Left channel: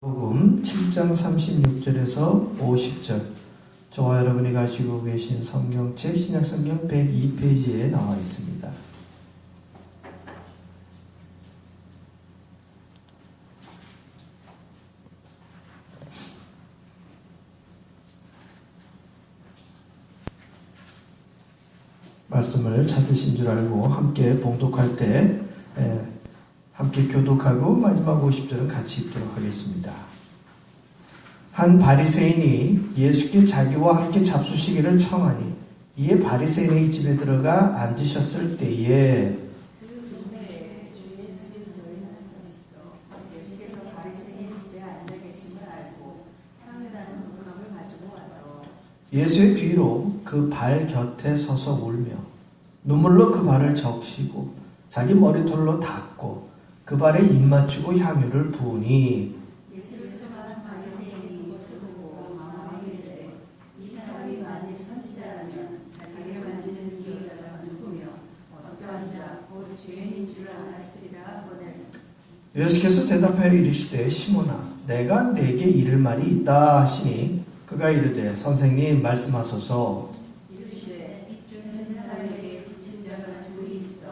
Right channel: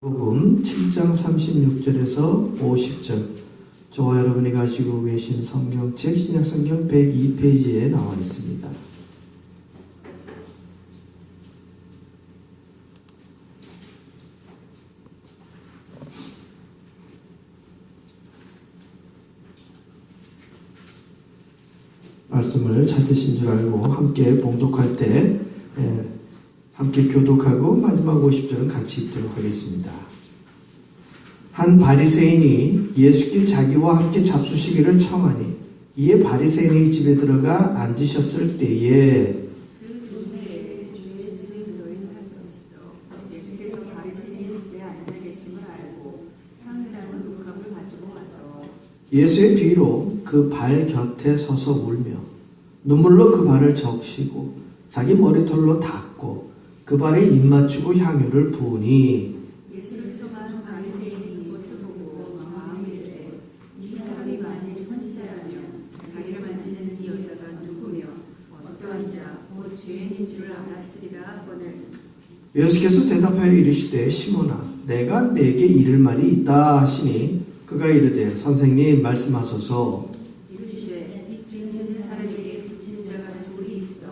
복음 7장 36절에서 50절, 저와 여러분이 가지고 계신 성경책 신약성경 102페이지에 나와 있습니다. 말씀을 찾으신 줄 알고 함께 봉독할 때 함께 교독하고 마지막 50절은 같이 읽도록 하겠습니다. 한 바리새인이 예수께 자기와 함께 잡수시기를 청하니 이에 바리새인의 집에 들어가 앉으셨을 때에 그 동네에 주의 집 노인을 있어 예수께서 바리새인의 집에 앉아 계심을 알고 향유라는 물감을 가지고 와서 예수의 뒤로 그 발 곁에 서서 울며 눈물로 그 발을 적시고 자기 머리털로 닦고 그 발에 입 맞추고 향유를 부으니 예수를 쳐간 바리새인이 이것을 보고 마음에 이르되 이 사람이 만일 선지자라면 자기를 만지는 이 여자가 누구며 어떠한 자 곧 죄인인 줄 알았으리라 하거늘. 예수께서 대답하여 이르시되 시몬아 내가 네게 이를 말이 있다 하시니 그가 이르되 선생님 말씀하소서. 이르시되 빚진 사람에게 빚진 자가 둘이 있어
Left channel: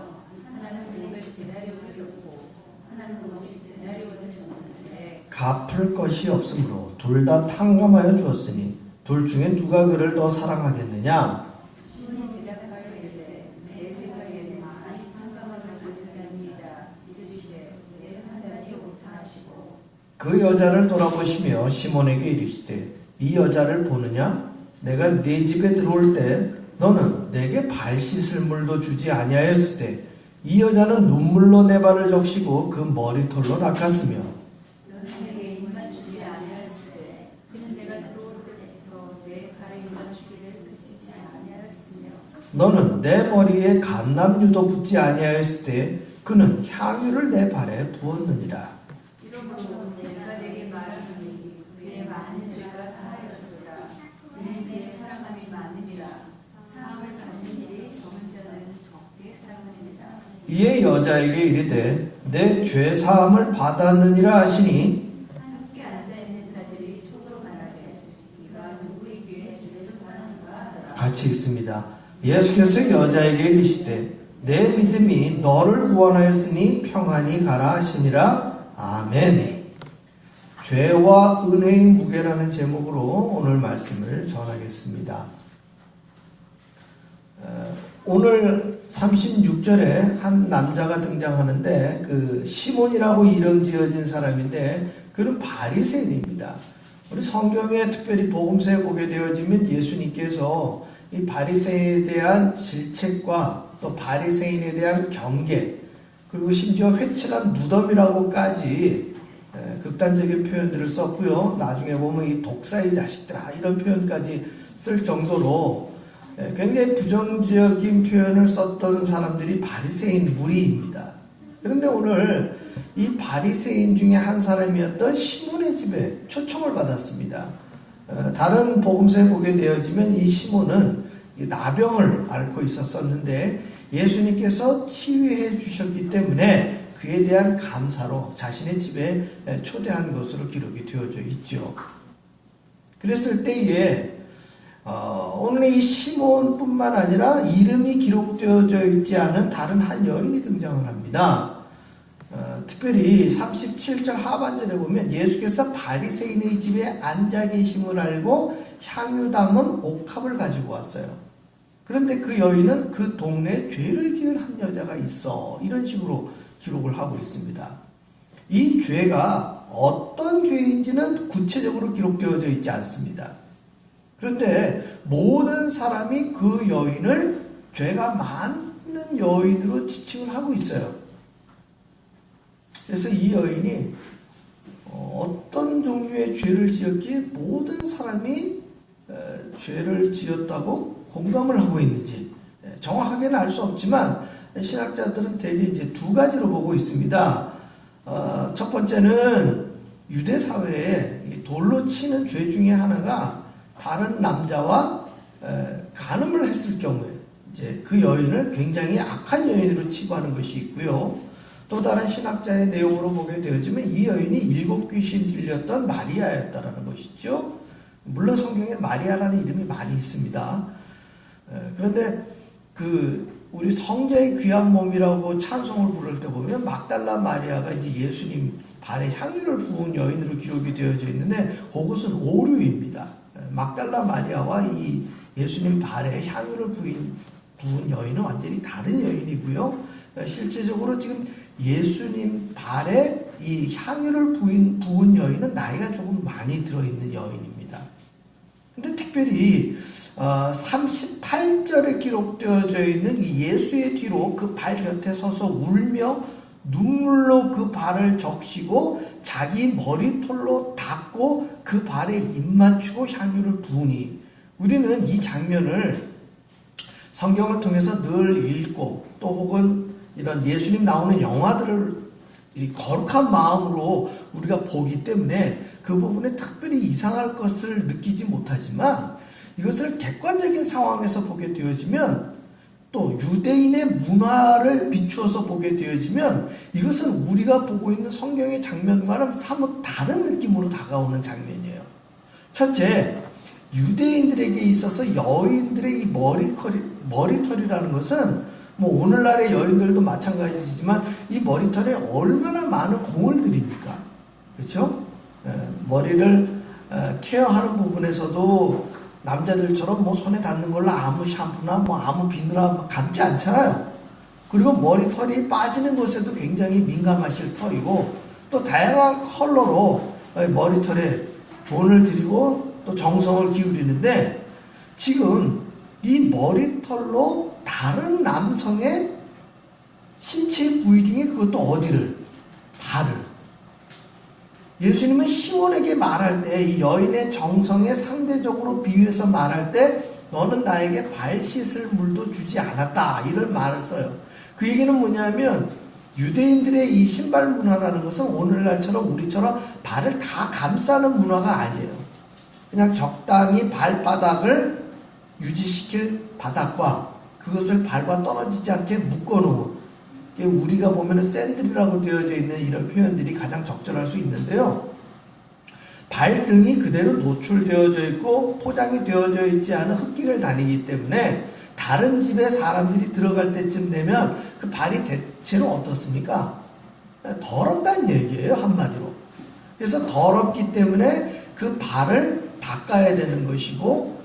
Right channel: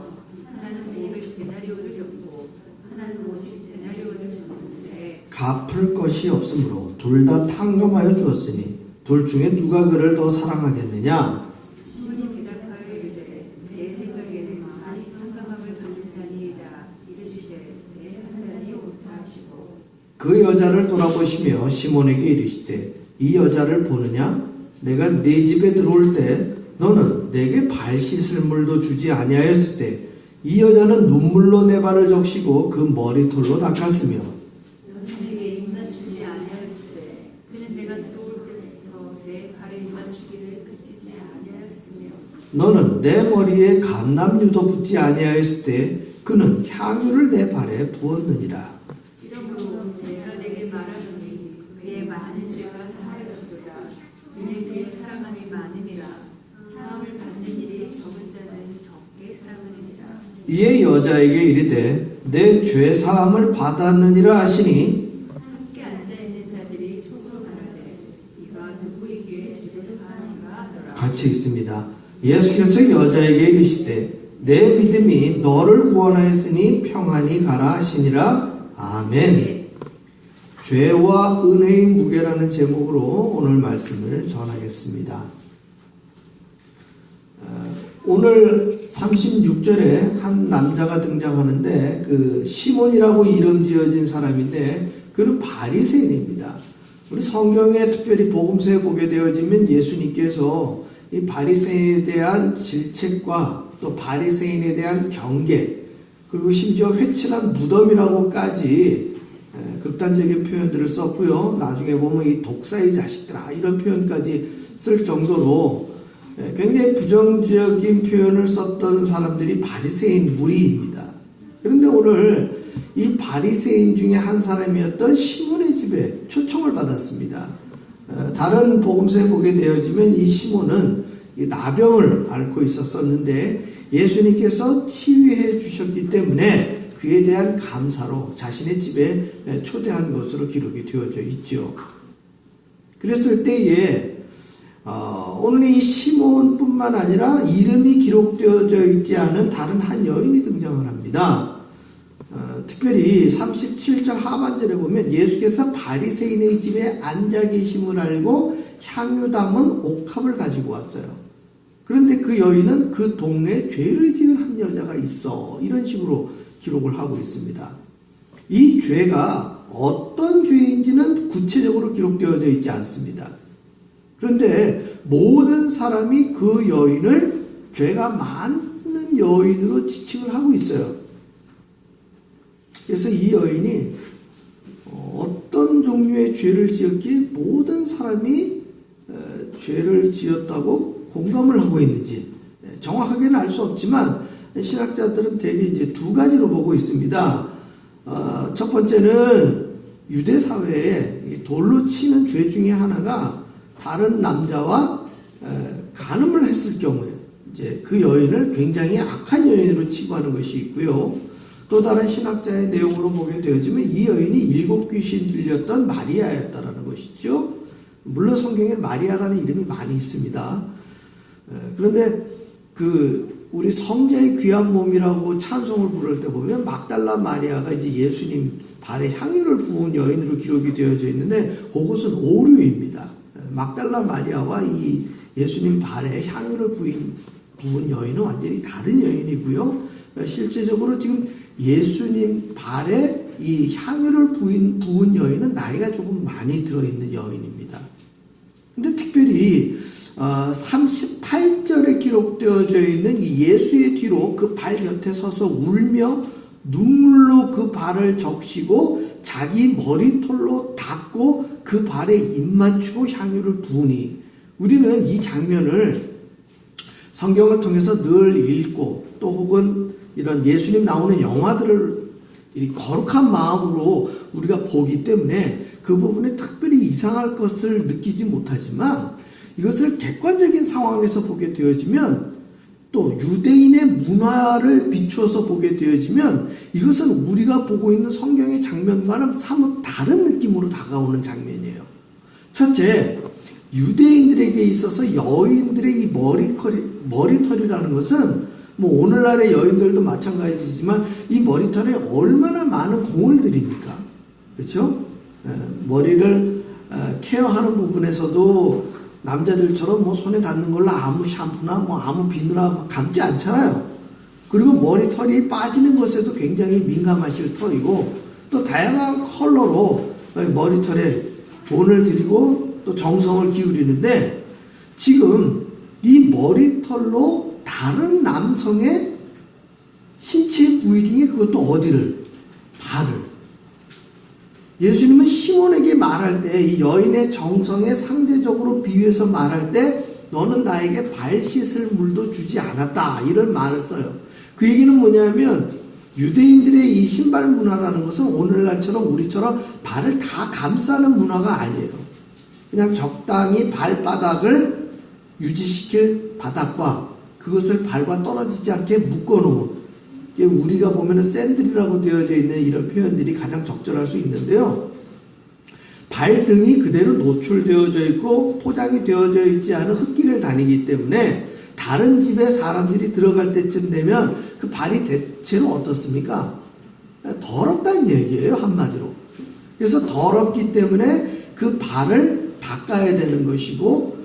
하나는 500데나리온을 졌고 하나는 50데나리온을 졌는데 갚을 것이 없으므로 둘 다 탕감하여 주었으니 둘 중에 누가 그를 더 사랑하겠느냐? 시몬이 대답하여 이르되 내 생각에는 많이 탕감함을 받은 자니이다. 이르시되 내 판단이 옳다 하시고 그 여자를 돌아보시며 시몬에게 이르시되 이 여자를 보느냐? 내가 네 집에 들어올 때 너는 내게 발 씻을 물도 주지 아니하였을 때 이 여자는 눈물로 내 발을 적시고 그 머리털로 닦았으며 너는 내게 입만 주지 아니하였을 때 그는 내가 들어올 때부터 내 발에 입만 주기를 그치지 아니하였으며 너는 내 머리에 감람유도 붓지 아니하였을 때 그는 향유를 내 발에 부었느니라. 이러므로 내가 내게 말하노니 그의 많은 죄가 사하여졌도다. 그는 그의 사랑함이 많음이라. 사함을 받는 일이 적은 자는 적게 사랑하느니라. 이에 여자에게 이르되 내 죄 사함을 받았느니라 하시니 함께 앉아있는 자들이 속으로 말하되 이가 누구에게 죄를 사하는가 하더라. 같이 읽습니다. 예수께서 여자에게 이르시되 내 믿음이 너를 구원하였으니 평안히 가라 하시니라. 아멘. 죄와 은혜의 무게라는 제목으로 오늘 말씀을 전하겠습니다. 오늘 36절에 한 남자가 등장하는데 그 시몬이라고 이름 지어진 사람인데 그는 바리새인입니다. 우리 성경에 특별히 복음서에 보게 되어지면 예수님께서 이 바리새인에 대한 질책과 또 바리새인에 대한 경계 그리고 심지어 회칠한 무덤이라고까지 극단적인 표현들을 썼고요. 나중에 보면 이 독사의 자식들아 이런 표현까지 쓸 정도로 굉장히 부정적인 표현을 썼던 사람들이 바리새인 무리입니다. 그런데 오늘 이 바리새인 중에 한 사람이었던 시몬의 집에 초청을 받았습니다. 다른 복음서에 보게 되어지면 이 시몬은 나병을 앓고 있었는데 예수님께서 치유해 주셨기 때문에 그에 대한 감사로 자신의 집에 초대한 것으로 기록이 되어져 있죠. 그랬을 때에 오늘 이 시몬뿐만 아니라 이름이 기록되어져 있지 않은 다른 한 여인이 등장을 합니다. 특별히 37절 하반절에 보면 예수께서 바리새인의 집에 앉아 계심을 알고 향유 담은 옥합을 가지고 왔어요. 그런데 그 여인은 그 동네에 죄를 지은 한 여자가 있어 이런 식으로 기록을 하고 있습니다. 이 죄가 어떤 죄인지는 구체적으로 기록되어져 있지 않습니다. 그런데 모든 사람이 그 여인을 죄가 많은 여인으로 지칭을 하고 있어요. 그래서 이 여인이 어떤 종류의 죄를 지었기에 모든 사람이 죄를 지었다고 공감을 하고 있는지 정확하게는 알 수 없지만 신학자들은 대개 이제 두 가지로 보고 있습니다. 첫 번째는 유대 사회에 돌로 치는 죄 중에 하나가 다른 남자와 간음을 했을 경우에 이제 그 여인을 굉장히 악한 여인으로 치부하는 것이 있고요. 또 다른 신학자의 내용으로 보게 되어지면 이 여인이 7 귀신 들렸던 마리아였다라는 것이죠. 물론 성경에 마리아라는 이름이 많이 있습니다. 그런데 우리 성자의 귀한 몸이라고 찬송을 부를 때 보면 막달라 마리아가 이제 예수님 발에 향유를 부은 여인으로 기록이 되어져 있는데 그것은 오류입니다. 막달라 마리아와 이 예수님 발에 향유를 부은 여인은 완전히 다른 여인이고요. 실제적으로 지금 예수님 발에 이 향유를 부은 여인은 나이가 조금 많이 들어있는 여인입니다. 근데 특별히 38절에 기록되어져 있는 예수의 뒤로 그 발 곁에 서서 울며 눈물로 그 발을 적시고 자기 머리털로 닦고 그 발에 입 맞추고 향유를 부으니, 우리는 이 장면을 성경을 통해서 늘 읽고 또 혹은 이런 예수님 나오는 영화들을 거룩한 마음으로 우리가 보기 때문에 그 부분에 특별히 이상할 것을 느끼지 못하지만, 이것을 객관적인 상황에서 보게 되어지면, 또 유대인의 문화를 비추어서 보게 되어지면 이것은 우리가 보고 있는 성경의 장면과는 사뭇 다른 느낌으로 다가오는 장면이에요. 첫째, 유대인들에게 있어서 여인들의 이 머리털이라는 것은 뭐 오늘날의 여인들도 마찬가지지만 이 머리털에 얼마나 많은 공을 들입니까? 그렇죠? 머리를 케어하는 부분에서도 남자들처럼 뭐 손에 닿는 걸로 아무 샴푸나 뭐 아무 비누나 감지 않잖아요. 그리고 머리털이 빠지는 것에도 굉장히 민감하실 터이고, 또 다양한 컬러로 머리털에 돈을 들이고 또 정성을 기울이는데, 지금 이 머리털로 다른 남성의 신체 부위 중에 그것도 어디를? 발을. 예수님은 시몬에게 말할 때, 이 여인의 정성에 상대적으로 비유해서 말할 때 너는 나에게 발 씻을 물도 주지 않았다, 이런 말을 써요. 그 얘기는 뭐냐면 유대인들의 이 신발 문화라는 것은 오늘날처럼 우리처럼 발을 다 감싸는 문화가 아니에요. 그냥 적당히 발바닥을 유지시킬 바닥과 그것을 발과 떨어지지 않게 묶어놓은, 우리가 보면 샌들이라고 되어져 있는 이런 표현들이 가장 적절할 수 있는데요. 발등이 그대로 노출되어져 있고 포장이 되어져 있지 않은 흙길을 다니기 때문에 다른 집에 사람들이 들어갈 때쯤 되면 그 발이 대체로 어떻습니까? 더럽다는 얘기예요, 한마디로. 그래서 더럽기 때문에 그 발을 닦아야 되는 것이고,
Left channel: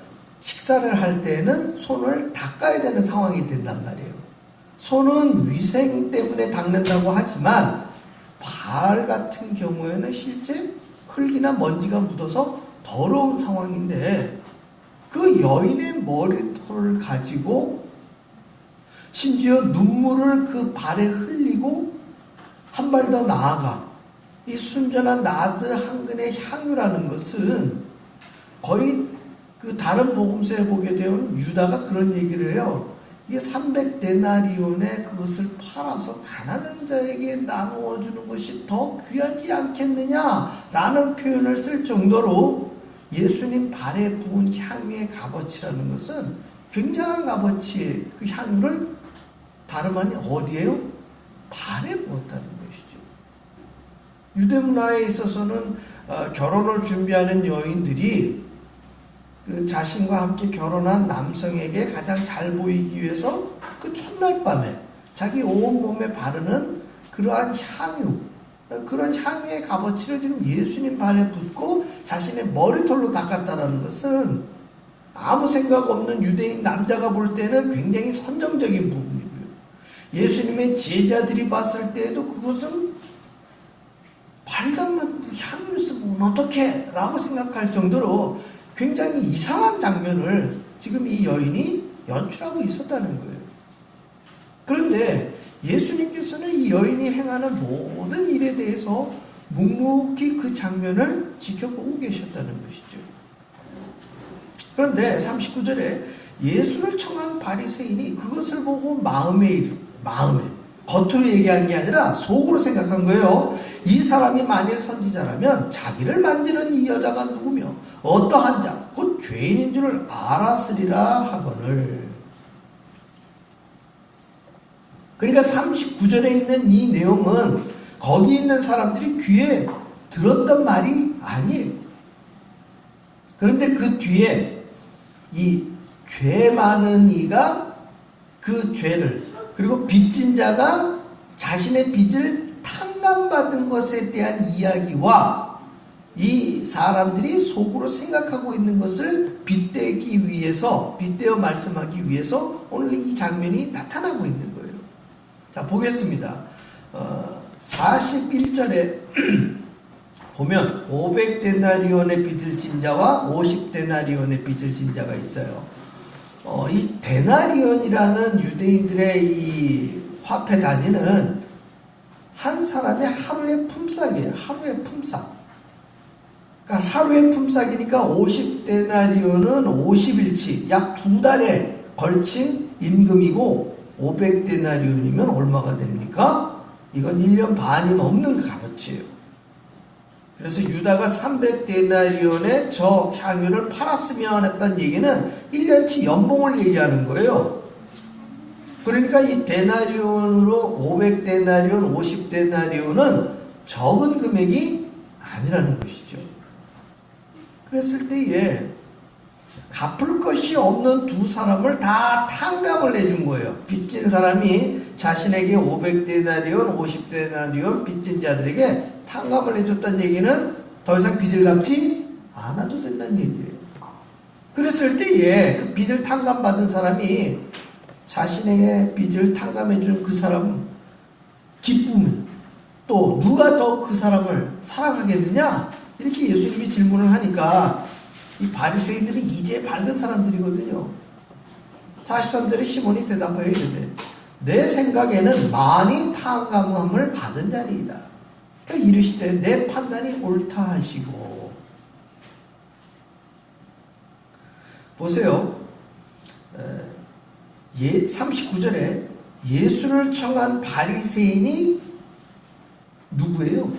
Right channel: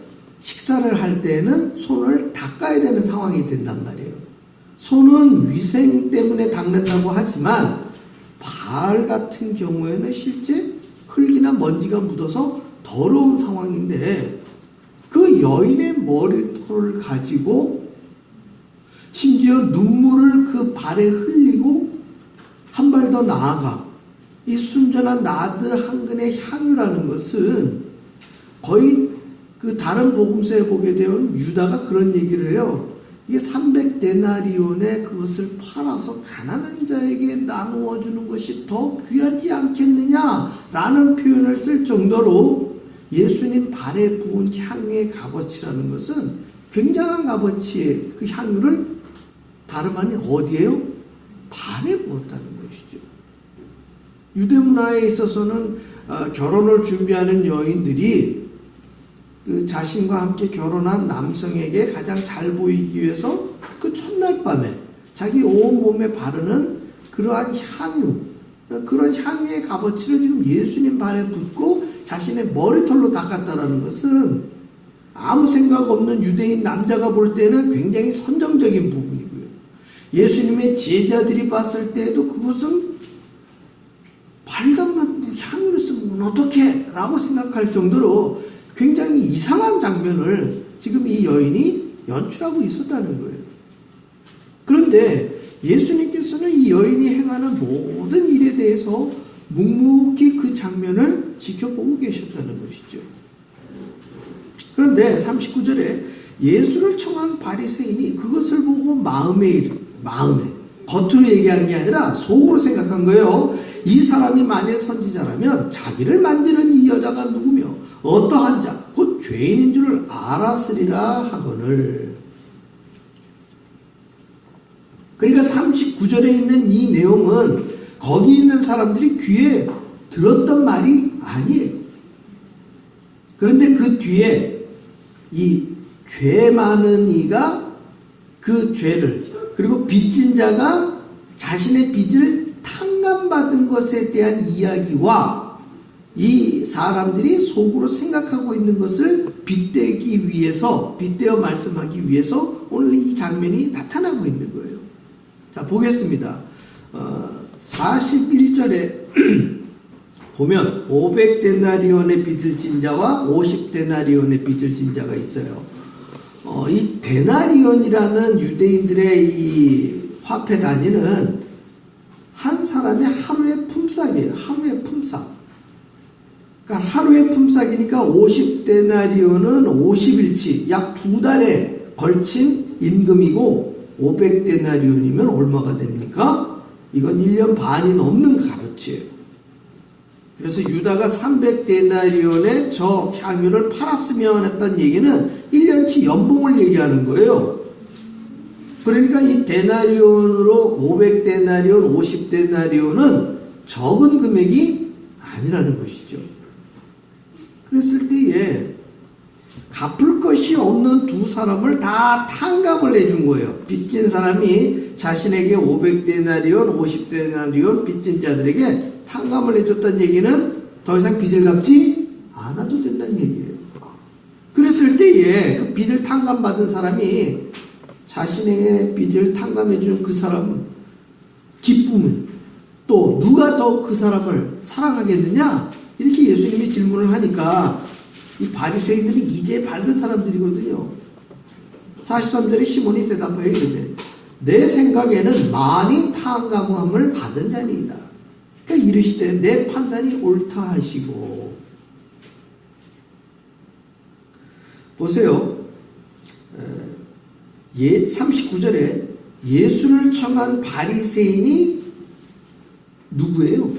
식사를 할 때는 손을 닦아야 되는 상황이 된단 말이에요. 손은 위생 때문에 닦는다고 하지만 발 같은 경우에는 실제 흙이나 먼지가 묻어서 더러운 상황인데, 그 여인의 머리털을 가지고 심지어 눈물을 그 발에 흘리고 한 발 더 나아가 이 순전한 나드 한 근의 향유라는 것은 거의 그 다른 복음서에 보게 되면 유다가 그런 얘기를 해요. 이게 300데나리온에 그것을 팔아서 가난한 자에게 나누어 주는 것이 더 귀하지 않겠느냐라는 표현을 쓸 정도로 예수님 발에 부은 향유의 값어치라는 것은 굉장한 값어치의 그 향유를 다름 아닌 어디에요? 발에 부었다는 것이죠. 유대 문화에 있어서는 결혼을 준비하는 여인들이 그 자신과 함께 결혼한 남성에게 가장 잘 보이기 위해서 그 첫날 밤에 자기 온몸에 바르는 그러한 향유, 그런 향유의 값어치를 지금 예수님 발에 붓고 자신의 머리털로 닦았다는 것은 아무 생각 없는 유대인 남자가 볼 때는 굉장히 선정적인 부분이고요. 예수님의 제자들이 봤을 때에도 그것은 발감만 향유를 쓰면 어떡해? 라고 생각할 정도로 굉장히 이상한 장면을 지금 이 여인이 연출하고 있었다는 거예요. 그런데 예수님께서는 이 여인이 행하는 모든 일에 대해서 묵묵히 그 장면을 지켜보고 계셨다는 것이죠. 그런데 39절에 예수를 청한 바리새인이 그것을 보고 마음에 겉으로 얘기한 게 아니라 속으로 생각한 거예요. 이 사람이 만일 선지자라면 자기를 만지는 이 여자가 누구며 어떠한 자 곧 죄인인 줄을 알았으리라 하거늘. 그러니까 39절에 있는 이 내용은 거기 있는 사람들이 귀에 들었던 말이 아니에요. 그런데 그 뒤에 이 죄 많은 이가 그 죄를, 그리고 빚진 자가 자신의 빚을 탕감받은 것에 대한 이야기와 이 사람들이 속으로 생각하고 있는 것을 빗대기 위해서, 빗대어 말씀하기 위해서 오늘 이 장면이 나타나고 있는 거예요. 자, 보겠습니다. 41절에 보면 500데나리온의 빚을 진 자와 50데나리온의 빚을 진 자가 있어요. 이 데나리온이라는 유대인들의 이 화폐 단위는 한 사람의 하루의 품삯이에요. 하루의 품삯. 그러니까 하루의 품삯이니까 50데나리온은 50일치, 약 2달에 걸친 임금이고, 500데나리온이면 얼마가 됩니까? 이건 1년 반이 넘는 값어치예요. 그래서 유다가 300데나리온의 저 향유를 팔았으면 했던 얘기는 1년치 연봉을 얘기하는 거예요. 그러니까 이 데나리온으로 500데나리온, 50데나리온은 적은 금액이 아니라는 것이죠. 그랬을 때에 갚을 것이 없는 두 사람을 다 탕감을 해준 거예요. 빚진 사람이 자신에게 500데나리온, 50데나리온 빚진 자들에게 탕감을 해줬다는 얘기는 더 이상 빚을 갚지 않아도 된다는 얘기예요. 그랬을 때에 그 빚을 탕감받은 사람이 자신에게 빚을 탕감해준 그 사람 기쁨은, 또 누가 더 그 사람을 사랑하겠느냐? 이렇게 예수님이 질문을 하니까 이 바리새인들은 이제 밝은 사람들이거든요. 43절에 시몬이 대답하여 이르되 내 생각에는 많이 탕감함을 받은 자니이다. 그러니까 이르시되 내 판단이 옳다 하시고. 보세요. 39절에 예수를 청한 바리새인이 누구예요?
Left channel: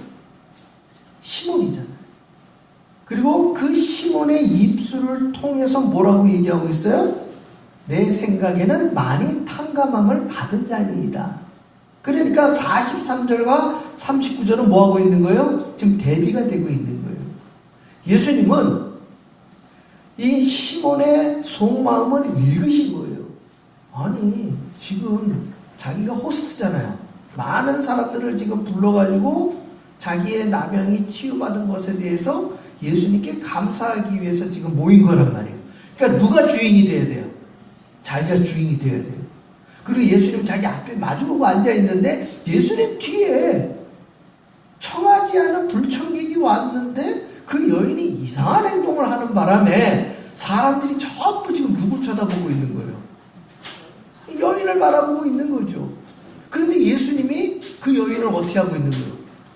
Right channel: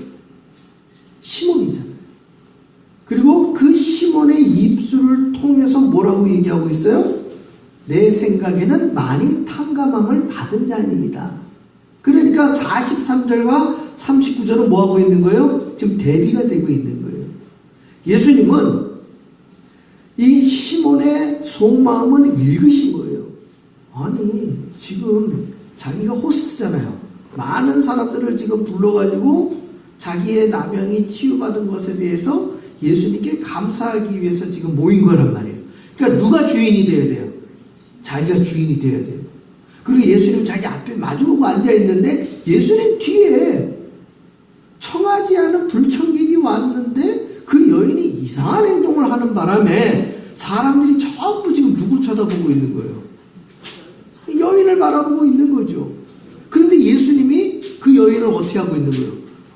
시몬이잖아요. 그리고 그 시몬의 입술을 통해서 뭐라고 얘기하고 있어요? 내 생각에는 많이 탕감함을 받은 자니이다. 그러니까 43절과 39절은 뭐하고 있는 거예요? 지금 대비가 되고 있는 거예요. 예수님은 이 시몬의 속마음을 읽으신 거예요. 아니, 지금 자기가 호스트잖아요. 많은 사람들을 지금 불러가지고 자기의 남영이 치유받은 것에 대해서 예수님께 감사하기 위해서 지금 모인 거란 말이에요. 그러니까 누가 주인이 돼야 돼요? 자기가 주인이 돼야 돼요. 그리고 예수님 자기 앞에 마주보고 앉아있는데 예수님 뒤에 청하지 않은 불청객이 왔는데 그 여인이 이상한 행동을 하는 바람에 사람들이 전부 지금 누굴 쳐다보고 있는 거예요? 여인을 바라보고 있는 거죠. 그런데 예수님이 그 여인을 어떻게 하고 있는 거예요?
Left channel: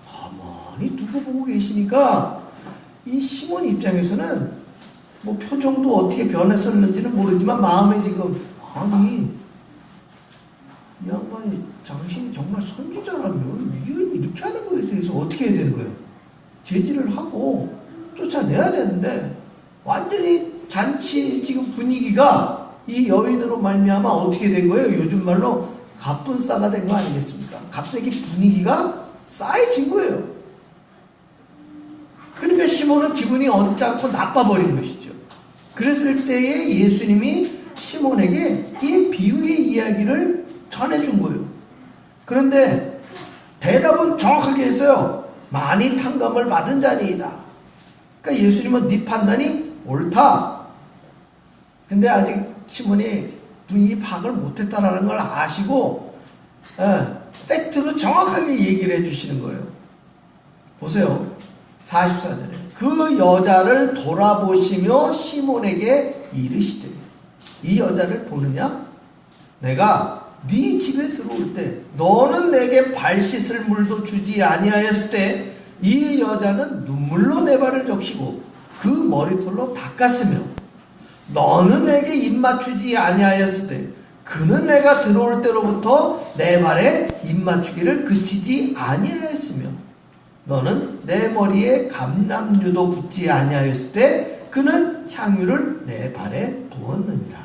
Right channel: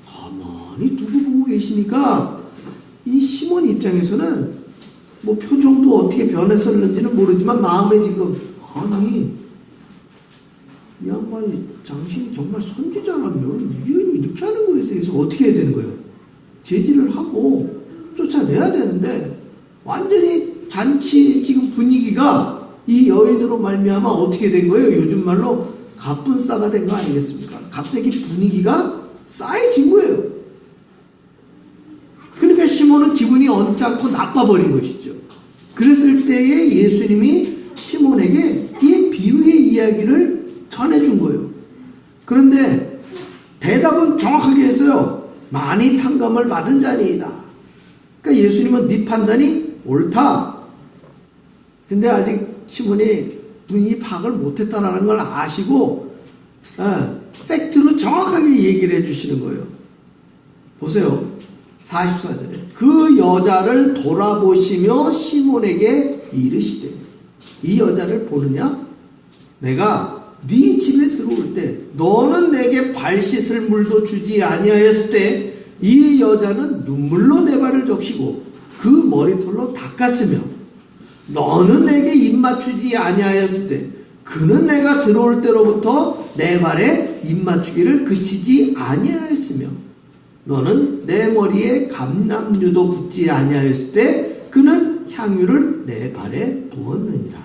가만히 두고 보고 계시니까 이 시몬 입장에서는 뭐 표정도 어떻게 변했었는지는 모르지만 마음에 지금, 아니 이 양반이 당신이 정말 선지자라면 이렇게 하는 거에 대해서 어떻게 해야 되는 거예요? 제지를 하고 쫓아내야 되는데 완전히 잔치 지금 분위기가 이 여인으로 말미암아 어떻게 된 거예요? 요즘 말로 갑분싸가 된 거 아니겠습니까? 갑자기 분위기가 싸해진 거예요. 그러니까 시몬은 기분이 언짢고 나빠버린 것이죠. 그랬을 때에 예수님이 시몬에게 이 비유의 이야기를 전해준 거예요. 그런데 대답은 정확하게 했어요. 많이 탕감을 받은 자니이다. 그러니까 예수님은 네 판단이 옳다. 근데 아직 시몬이 분위기 파악을 못했다라는 걸 아시고 팩트로 정확하게 얘기를 해주시는 거예요. 보세요. 44절에 그 여자를 돌아보시며 시몬에게 이르시되, 이 여자를 보느냐? 내가 네 집에 들어올 때 너는 내게 발 씻을 물도 주지 아니하였을 때 이 여자는 눈물로 내 발을 적시고 그 머리털로 닦았으며 너는 내게 입 맞추지 아니하였을 때 그는 내가 들어올 때로부터 내 발에 입 맞추기를 그치지 아니하였으며 너는 내 머리에 감람유도 붓지 아니하였을 때 그는 향유를 내 발에 부었느니라.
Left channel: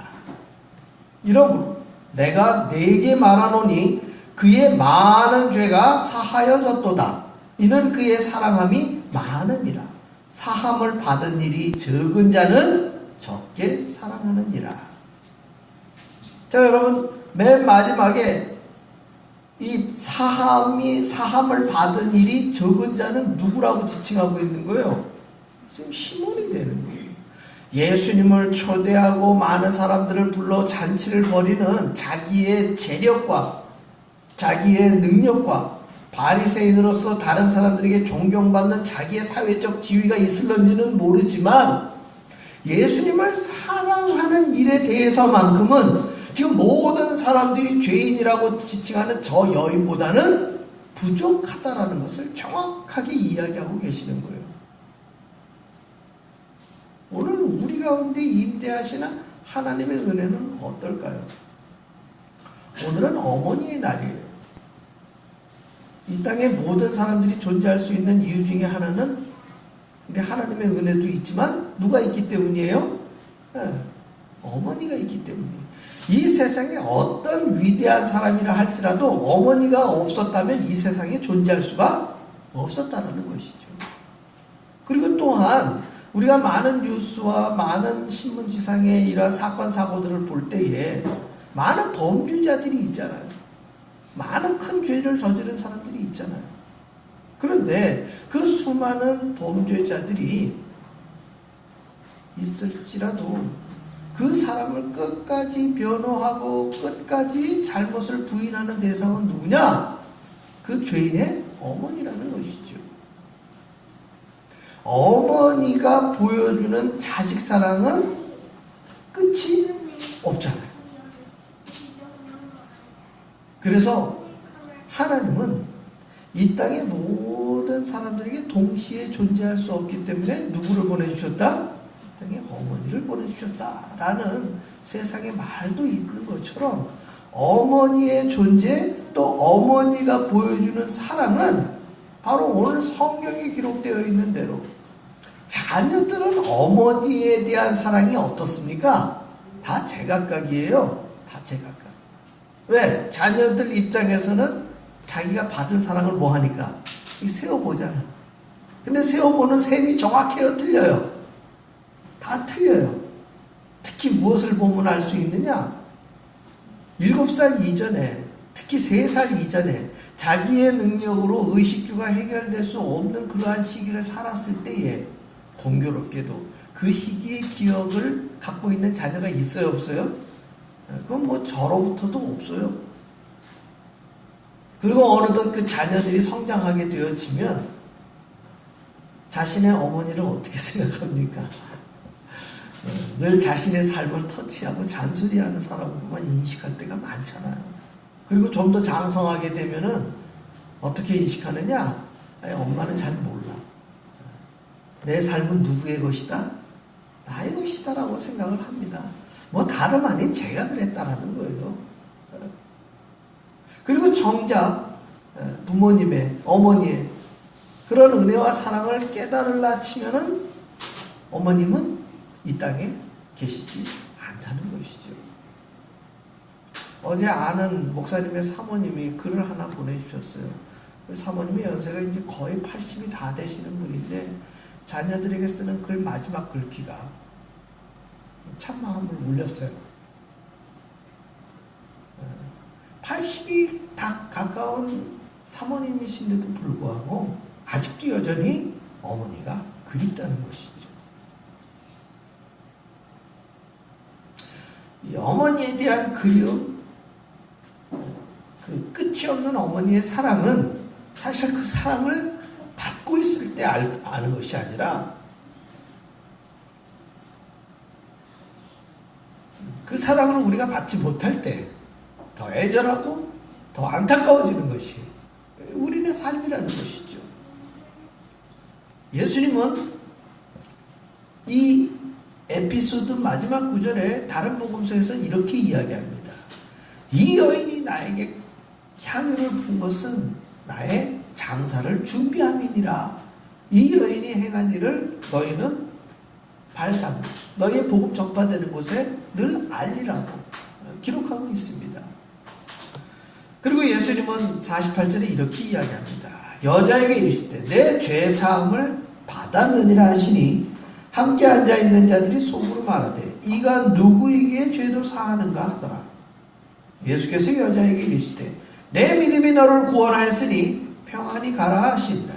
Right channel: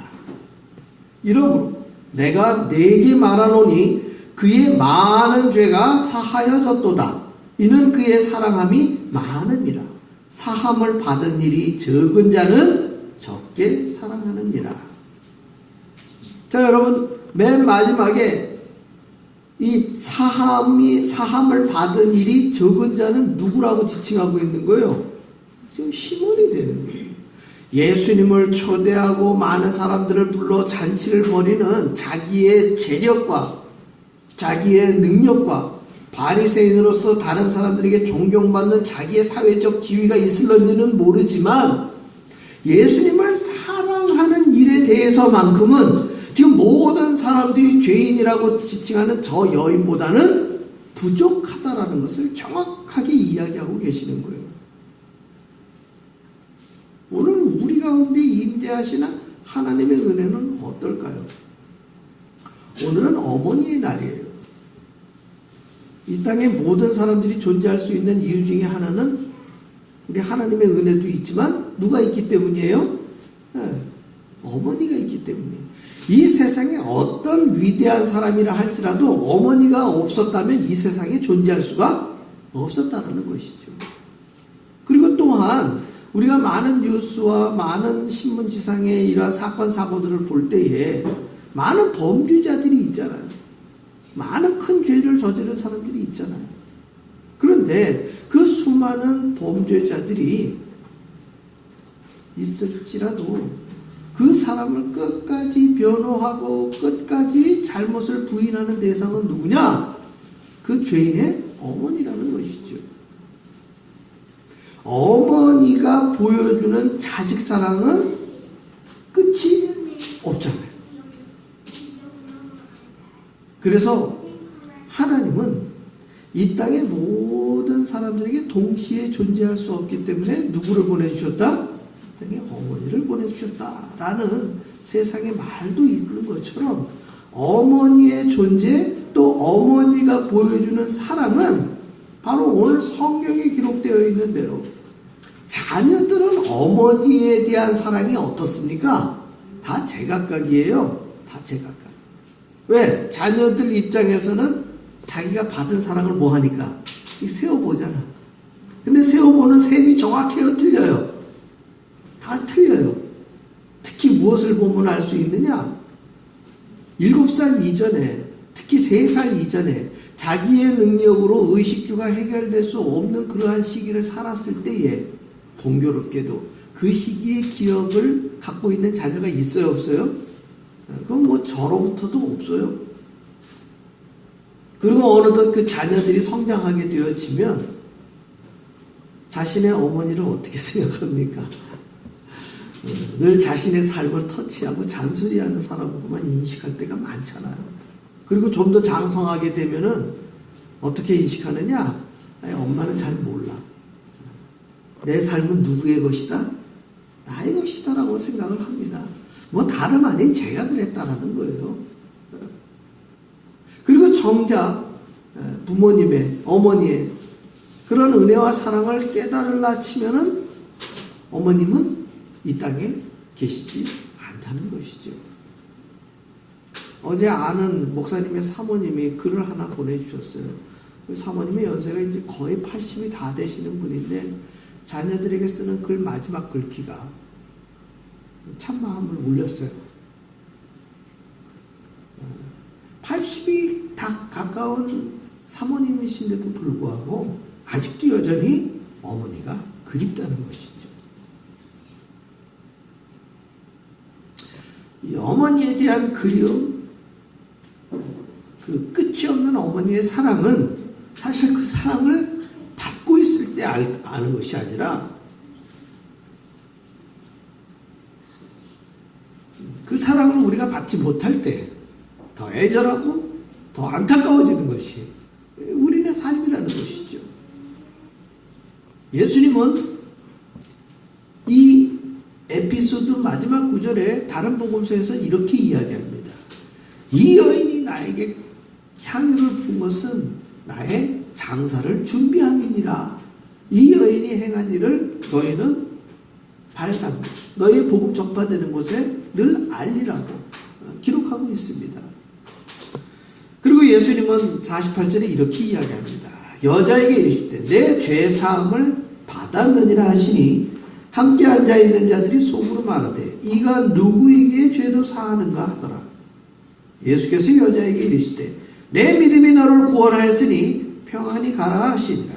이러므로 내가 네게 말하노니 그의 많은 죄가 사하여졌도다. 이는 그의 사랑함이 많음이라. 사함을 받은 일이 적은 자는 적게 사랑하느니라. 자, 여러분, 맨 마지막에 이 사함을 받은 일이 적은 자는 누구라고 지칭하고 있는 거예요? 지금 시몬이 되는 거예요. 예수님을 초대하고 많은 사람들을 불러 잔치를 벌이는 자기의 재력과 자기의 능력과 바리새인으로서 다른 사람들에게 존경받는 자기의 사회적 지위가 있을런지는 모르지만 예수님을 사랑하는 일에 대해서만큼은 지금 모든 사람들이 죄인이라고 지칭하는 저 여인보다는 부족하다라는 것을 정확하게 이야기하고 계시는 거예요. 오늘 우리 가운데 임재하시는 하나님의 은혜는 어떨까요? 오늘은 어머니의 날이에요. 이 땅에 모든 사람들이 존재할 수 있는 이유 중에 하나는 우리 하나님의 은혜도 있지만 누가 있기 때문이에요? 어머니가 있기 때문이에요. 이 세상에 어떤 위대한 사람이라 할지라도 어머니가 없었다면 이 세상에 존재할 수가 없었다는 것이죠. 그리고 또한 우리가 많은 뉴스와 많은 신문지상의 이러한 사건 사고들을 볼 때에 많은 범죄자들이 있잖아요. 많은 큰 죄를 저지른 사람들이 있잖아요. 그런데 그 수많은 범죄자들이 있을지라도 그 사람을 끝까지 변호하고 끝까지 잘못을 부인하는 대상은 누구냐? 그 죄인의 어머니라는 것이죠. 어머니가 보여주는 자식 사랑은 끝이 없잖아요. 그래서 하나님은 이 땅의 모든 사람들에게 동시에 존재할 수 없기 때문에 누구를 보내주셨다? 땅에 어머니를 보내주셨다라는 세상의 말도 있는 것처럼 어머니의 존재 또 어머니가 보여주는 사랑은 바로 오늘 성경에 기록되어 있는 대로 자녀들은 어머니에 대한 사랑이 어떻습니까? 다 제각각이에요. 다 제각각. 왜? 자녀들 입장에서는 자기가 받은 사랑을 뭐 하니까? 세어보잖아. 근데 세어보는 셈이 정확해요? 틀려요? 다 틀려요. 특히 무엇을 보면 알 수 있느냐? 7살 이전에, 특히 3살 이전에 자기의 능력으로 의식주가 해결될 수 없는 그러한 시기를 살았을 때에 공교롭게도 그 시기의 기억을 갖고 있는 자녀가 있어요? 없어요? 그럼 뭐 저로부터도 없어요. 그리고 어느덧 그 자녀들이 성장하게 되어지면 자신의 어머니를 어떻게 생각합니까? 늘 자신의 삶을 터치하고 잔소리하는 사람만 인식할 때가 많잖아요. 그리고 좀 더 장성하게 되면은 어떻게 인식하느냐? 아니, 엄마는 잘 몰라. 내 삶은 누구의 것이다? 나의 것이다라고 생각을 합니다. 뭐 다름 아닌 제가 그랬다라는 거예요. 그리고 정작 부모님의, 어머니의 그런 은혜와 사랑을 깨달으려 치면은 어머님은 이 땅에 계시지 않다는 것이죠. 어제 아는 목사님의 사모님이 글을 하나 보내주셨어요. 그 사모님의 연세가 이제 거의 80이 다 되시는 분인데 자녀들에게 쓰는 글 마지막 글귀가 참 마음을 울렸어요. 80이 다 가까운 사모님이신데도 불구하고 아직도 여전히 어머니가 그립다는 것이죠. 이 어머니에 대한 그리움, 그 끝이 없는 어머니의 사랑은 사실 그 사랑을 받고 있을 때 아는 것이 아니라 그 사랑을 우리가 받지 못할 때 더 애절하고 더 안타까워지는 것이 우리의 삶이라는 것이죠. 예수님은 이 에피소드 마지막 구절에 다른 복음서에서 이렇게 이야기합니다. 이 여인이 나에게 향유를 분 것은 나의 장사를 준비함이니라. 이 여인이 행한 일을 너희는 발담, 너희의 복음 전파되는 곳에 늘 알리라고 기록하고 있습니다. 그리고 예수님은 48절에 이렇게 이야기합니다. 여자에게 이르시되 내 죄사함을 받았느니라 하시니 함께 앉아있는 자들이 속으로 말하되 이가 누구에게 죄도 사하는가 하더라. 예수께서 여자에게 이르시되 내 믿음이 너를 구원하였으니 평안히 가라 하시니라.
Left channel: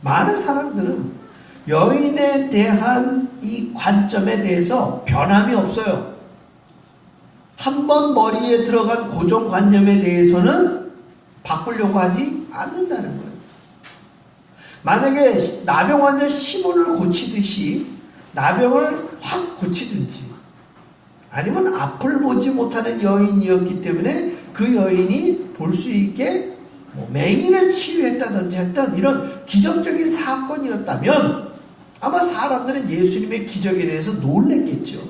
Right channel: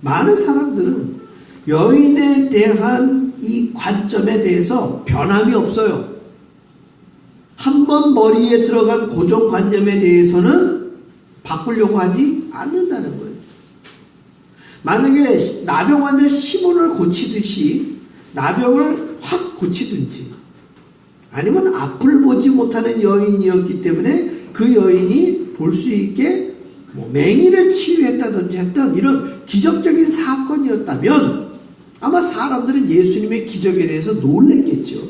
많은 사람들은 여인에 대한 이 관점에 대해서 변함이 없어요. 한번 머리에 들어간 고정관념에 대해서는 바꾸려고 하지 않는다는 거예요. 만약에 나병 환자 시몬을 고치듯이 나병을 확 고치든지 아니면 앞을 보지 못하는 여인이었기 때문에 그 여인이 볼 수 있게 맹인을 치유했다든지 했던 이런 기적적인 사건이었다면 아마 사람들은 예수님의 기적에 대해서 놀랬겠죠.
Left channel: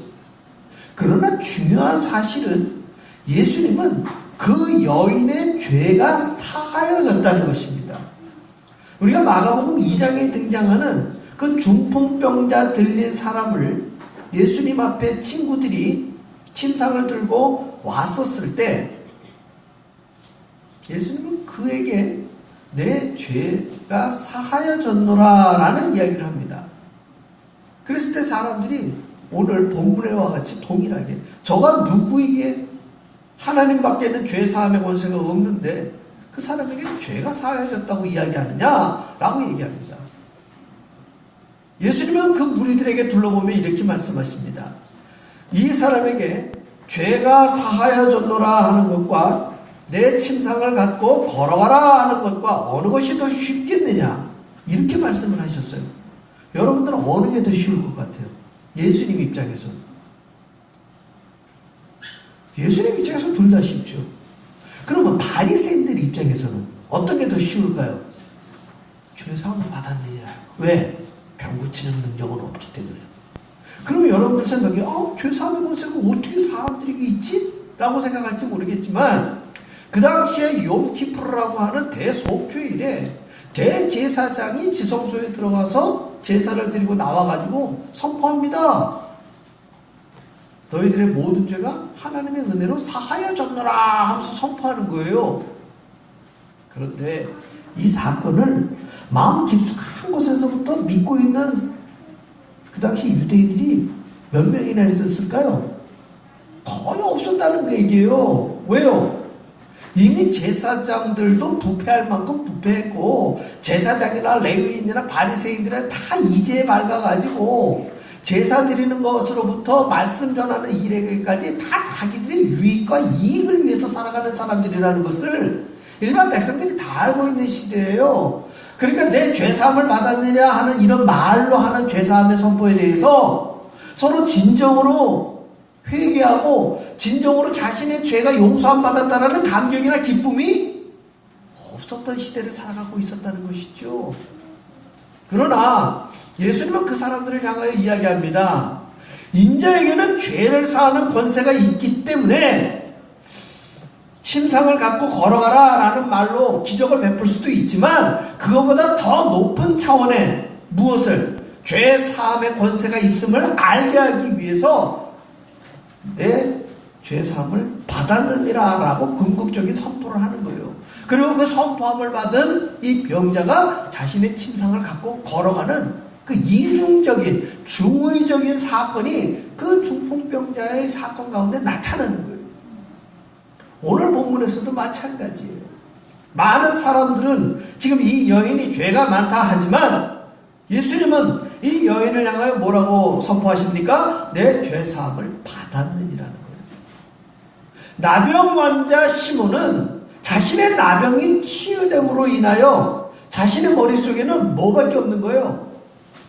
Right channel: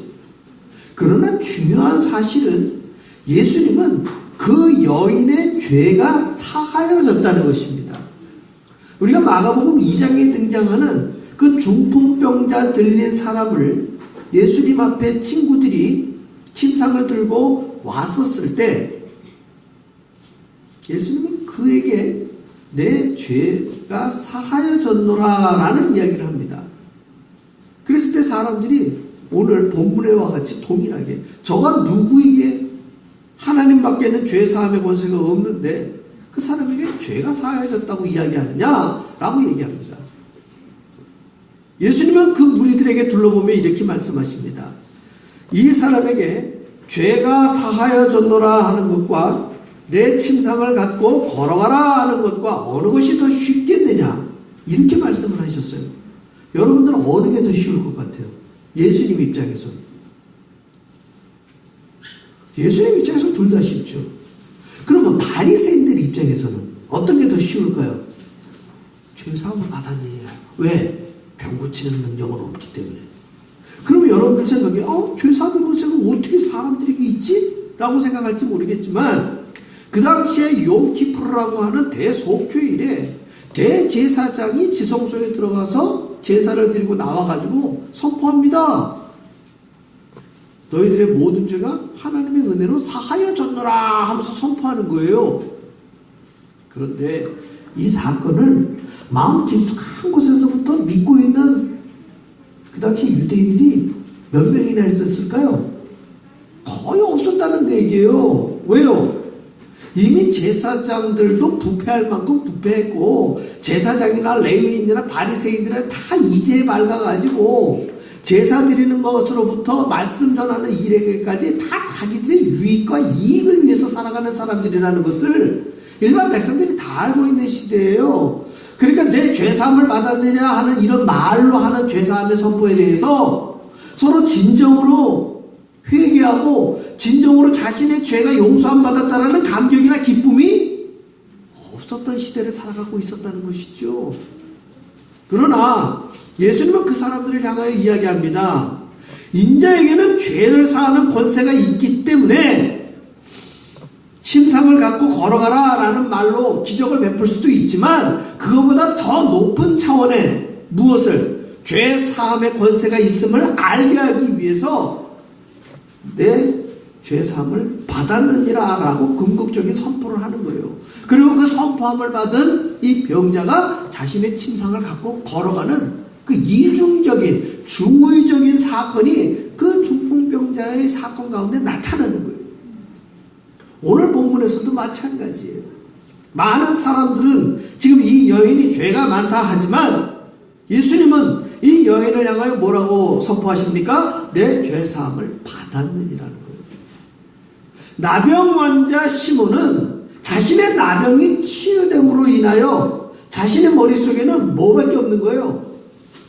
그러나 중요한 사실은 예수님은 그 여인의 죄가 사하여졌다는 것입니다. 우리가 마가복음 2장에 등장하는 그 중풍병자 들린 사람을 예수님 앞에 친구들이 침상을 들고 왔었을 때 예수님은 그에게 내 죄가 사하여졌노라 라는 이야기를 합니다. 그랬을 때 사람들이 오늘 본문에와 같이 동일하게 저가 누구에게 하나님밖에는 죄 사함의 권세가 없는데 그 사람에게 죄가 사하여졌다고 이야기하느냐라고 얘기합니다. 예수님은 그 무리들에게 둘러보며 이렇게 말씀하십니다. 이 사람에게 죄가 사하여졌노라 하는 것과 내 침상을 갖고 걸어가라 하는 것과 어느 것이 더 쉽겠느냐 이렇게 말씀을 하셨어요. 여러분들은 어느 게 더 쉬울 것 같아요? 예수님 입장에서는. 예수님 입장에서는 둘 다 쉽죠. 그러면 바리새인들 입장에서는 어떤 게 더 쉬울까요? 죄사함을 받았느냐. 왜? 병 고치는 능력은 없기 때문에. 그러면 여러분들 생각에 죄사함의 권세가 어떻게 사람들에게 있지? 라고 생각할지 모르겠지만 그 당시에 욤키푸르라고 하는 대속죄일에 대제사장이 지성소에 들어가서 제사를 드리고 나와가지고 선포합니다. 너희들의 모든 죄가 하나님의 은혜로 사하여졌노라 하면서 선포하는 거예요. 그런데 이 사건을 마음 깊숙한 곳에서부터 믿고 있는 그 당시 유대인들이 몇 명이나 있었을까요? 거의 없었다는 얘기예요. 왜요? 이미 제사장들도 부패할 만큼 부패했고 제사장이나 레위인이나 바리새인들은 다 이제에 밝아가지고 제사 드리는 것으로부터 말씀 전하는 일에게까지 다 자기들의 유익과 이익을 위해서 살아가는 사람들이라는 것을 일반 백성들이 다 알고 있는 시대예요. 그러니까 내 죄사함을 받았느냐 하는 이런 말로 하는 죄사함의 선포에 대해서 서로 진정으로 회개하고 진정으로 자신의 죄가 용서함 받았다라는 감격이나 기쁨이 없었던 시대를 살아가고 있었다는 것이죠. 그러나 예수님은 그 사람들을 향하여 이야기합니다. 인자에게는 죄를 사하는 권세가 있기 때문에 침상을 갖고 걸어가라 라는 말로 기적을 베풀 수도 있지만 그것보다 더 높은 차원의 무엇을 죄 사함의 권세가 있음을 알게 하기 위해서 내 죄사함을 받았느니라 라고 궁극적인 선포를 하는 거예요. 그리고 그 선포함을 받은 이 병자가 자신의 침상을 갖고 걸어가는 그 이중적인 중의적인 사건이 그 중풍병자의 사건 가운데 나타나는 거예요. 오늘 본문에서도 마찬가지예요. 많은 사람들은 지금 이 여인이 죄가 많다 하지만 예수님은 이 여인을 향하여 뭐라고 선포하십니까? 내 죄사함을 받았느니라는 거예요. 나병 환자 시몬은 자신의 나병이 치유됨으로 인하여 자신의 머릿속에는 뭐밖에 없는 거예요?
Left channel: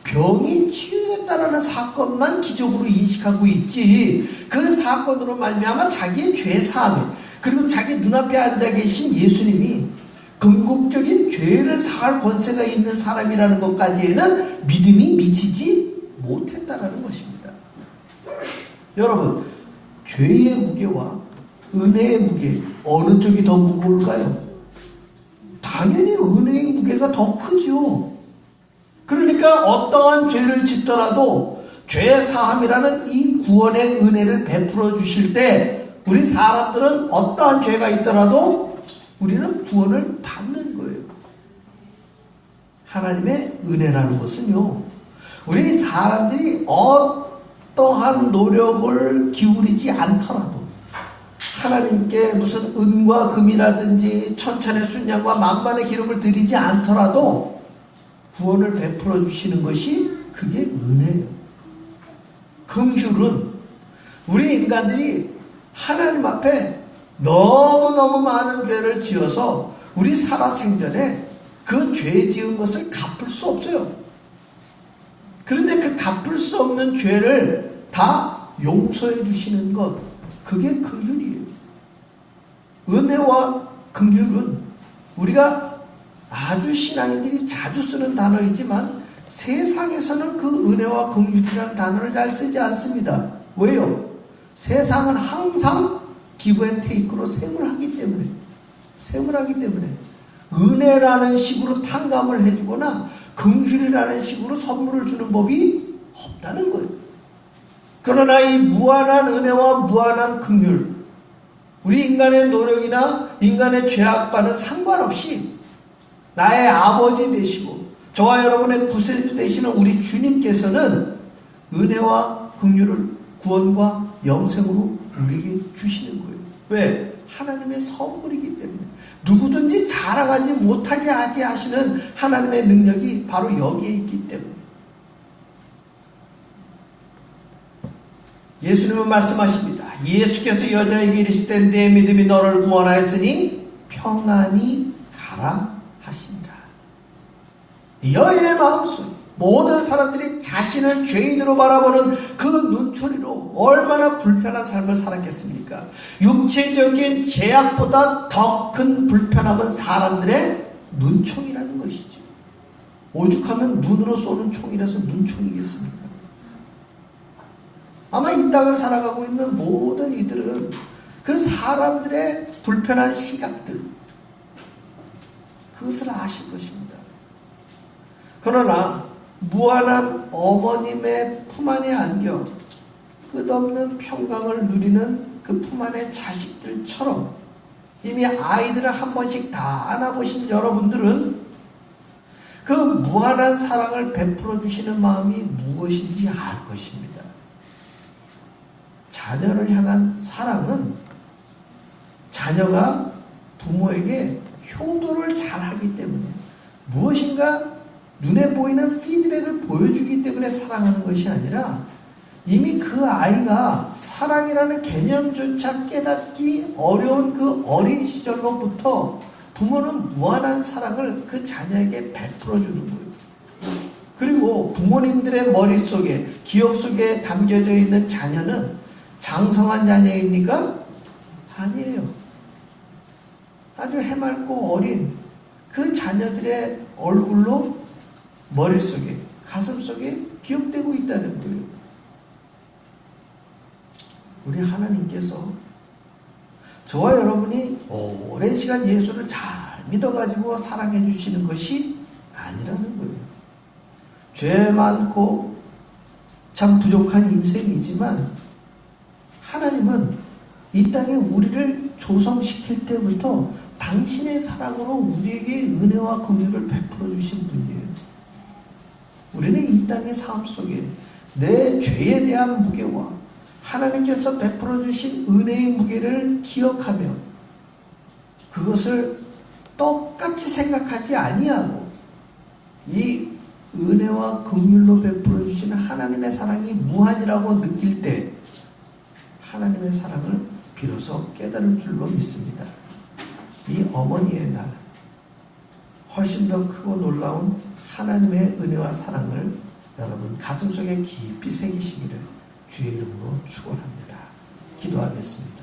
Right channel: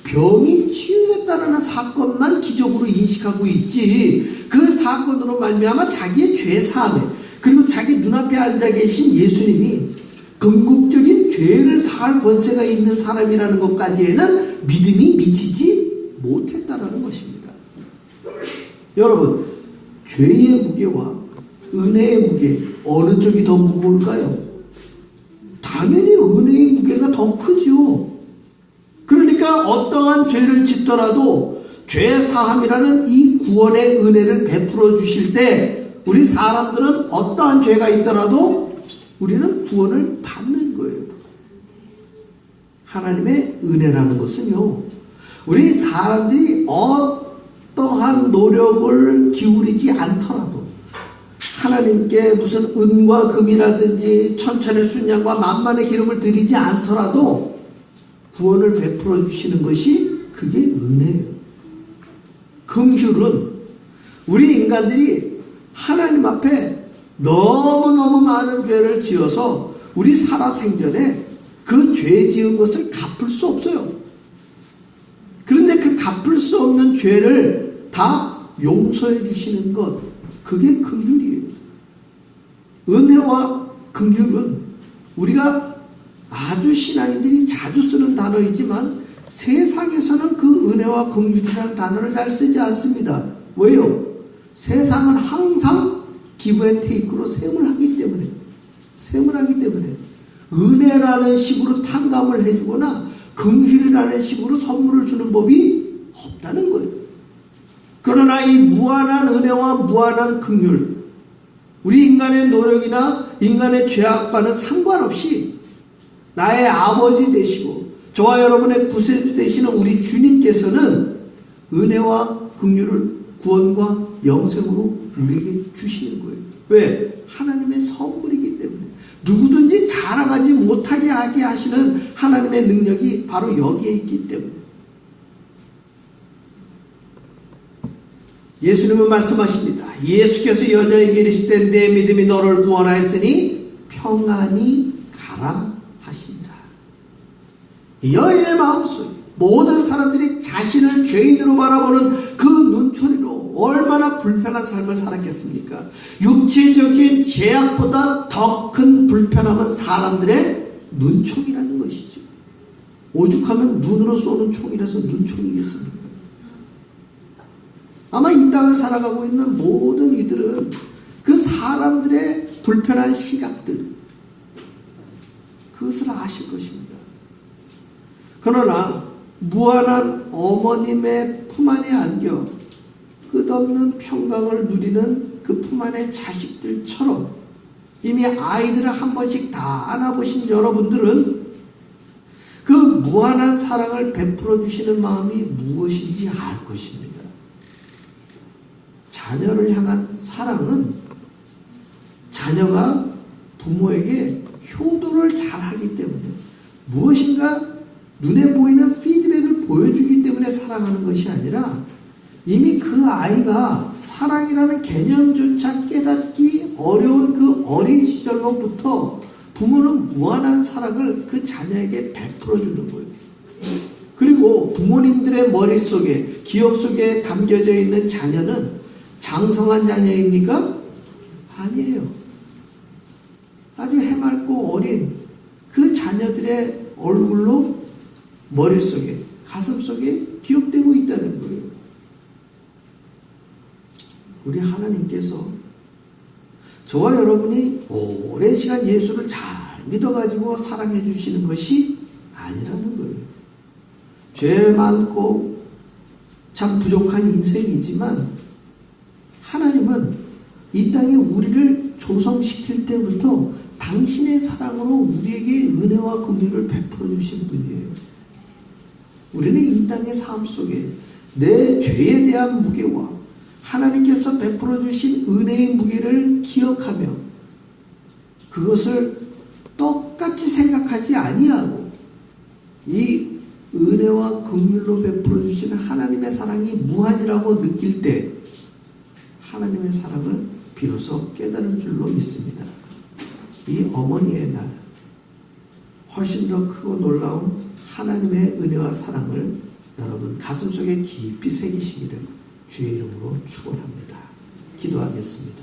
병이 치유됐다라는 사건만 기적으로 인식하고 있지 그 사건으로 말미암아 자기의 죄사함에 그리고 자기 눈앞에 앉아 계신 예수님이 궁극적인 죄를 사할 권세가 있는 사람이라는 것까지에는 믿음이 미치지 못했다라는 것입니다. 여러분, 죄의 무게와 은혜의 무게 어느 쪽이 더 무거울까요? 당연히 은혜의 무게가 더 크죠. 그러니까 어떠한 죄를 짓더라도 죄 사함이라는 이 구원의 은혜를 베풀어 주실 때 우리 사람들은 어떠한 죄가 있더라도 우리는 구원을 받는 거예요. 하나님의 은혜라는 것은요, 우리 사람들이 어떠한 노력을 기울이지 않더라도, 하나님께 무슨 은과 금이라든지 천천의 순양과 만만의 기름을 드리지 않더라도 구원을 베풀어 주시는 것이 그게 은혜예요. 긍휼은 우리 인간들이 하나님 앞에 너무너무 많은 죄를 지어서 우리 살아생전에 그 죄 지은 것을 갚을 수 없어요. 그런데 그 갚을 수 없는 죄를 다 용서해 주시는 것, 그게 긍휼이에요. 은혜와 긍휼은 우리가 아주 신앙인들이 자주 쓰는 단어이지만 세상에서는 그 은혜와 긍휼이라는 단어를 잘 쓰지 않습니다. 왜요? 세상은 항상 기브 앤 테이크로 셈을 하기 때문에 은혜라는 식으로 탕감을 해주거나 긍휼이라는 식으로 선물을 주는 법이 없다는 거예요. 그러나 이 무한한 은혜와 무한한 긍휼, 우리 인간의 노력이나 인간의 죄악과는 상관없이 나의 아버지 되시고 저와 여러분의 구세주 되시는 우리 주님께서는 은혜와 긍휼을 구원과 영생으로 우리에게 주시는 거예요. 왜? 하나님의 선물이기 때문에. 누구든지 자랑하지 못하게 하게 하시는 하나님의 능력이 바로 여기에 있기 때문에. 예수님은 말씀하십니다. 예수께서 여자에게 이르시되 내 믿음이 너를 구원하였으니 평안히 가라 하시니라. 여인의 마음속에 모든 사람들이 자신을 죄인으로 바라보는 그 눈초리로 얼마나 불편한 삶을 살았겠습니까? 육체적인 제약보다 더 큰 불편함은 사람들의 눈총이라는 것이죠. 오죽하면 눈으로 쏘는 총이라서 눈총이겠습니까? 아마 이 땅을 살아가고 있는 모든 이들은 그 사람들의 불편한 시각들, 그것을 아실 것입니다. 그러나 무한한 어머님의 품 안에 안겨 끝없는 평강을 누리는 그 품 안의 자식들처럼 이미 아이들을 한 번씩 다 안아보신 여러분들은 그 무한한 사랑을 베풀어 주시는 마음이 무엇인지 알 것입니다. 자녀를 향한 사랑은 자녀가 부모에게 효도를 잘하기 때문에 무엇인가 눈에 보이는 피드백을 보여주기 때문에 사랑하는 것이 아니라 이미 그 아이가 사랑이라는 개념조차 깨닫기 어려운 그 어린 시절로부터 부모는 무한한 사랑을 그 자녀에게 베풀어 주는 거예요. 그리고 부모님들의 머릿속에, 기억 속에 담겨져 있는 자녀는 장성한 자녀입니까? 아니에요. 아주 해맑고 어린 그 자녀들의 얼굴로 머릿속에, 가슴속에 기억되고 있다는 거예요. 우리 하나님께서 저와 여러분이 오랜 시간 예수를 잘 믿어가지고 사랑해 주시는 것이 아니라는 거예요. 죄 많고 참 부족한 인생이지만 하나님은 이 땅에 우리를 조성시킬 때부터 당신의 사랑으로 우리에게 은혜와 긍휼을 베풀어 주신 분이에요. 우리는 이 땅의 삶 속에 내 죄에 대한 무게와 하나님께서 베풀어 주신 은혜의 무게를 기억하며 그것을 똑같이 생각하지 아니하고 이 은혜와 긍휼로 베풀어 주시는 하나님의 사랑이 무한이라고 느낄 때 하나님의 사랑을 비로소 깨달을 줄로 믿습니다. 이 어머니의 날, 훨씬 더 크고 놀라운 하나님의 은혜와 사랑을 여러분 가슴속에 깊이 새기시기를 주의 이름으로 축원합니다. 기도하겠습니다.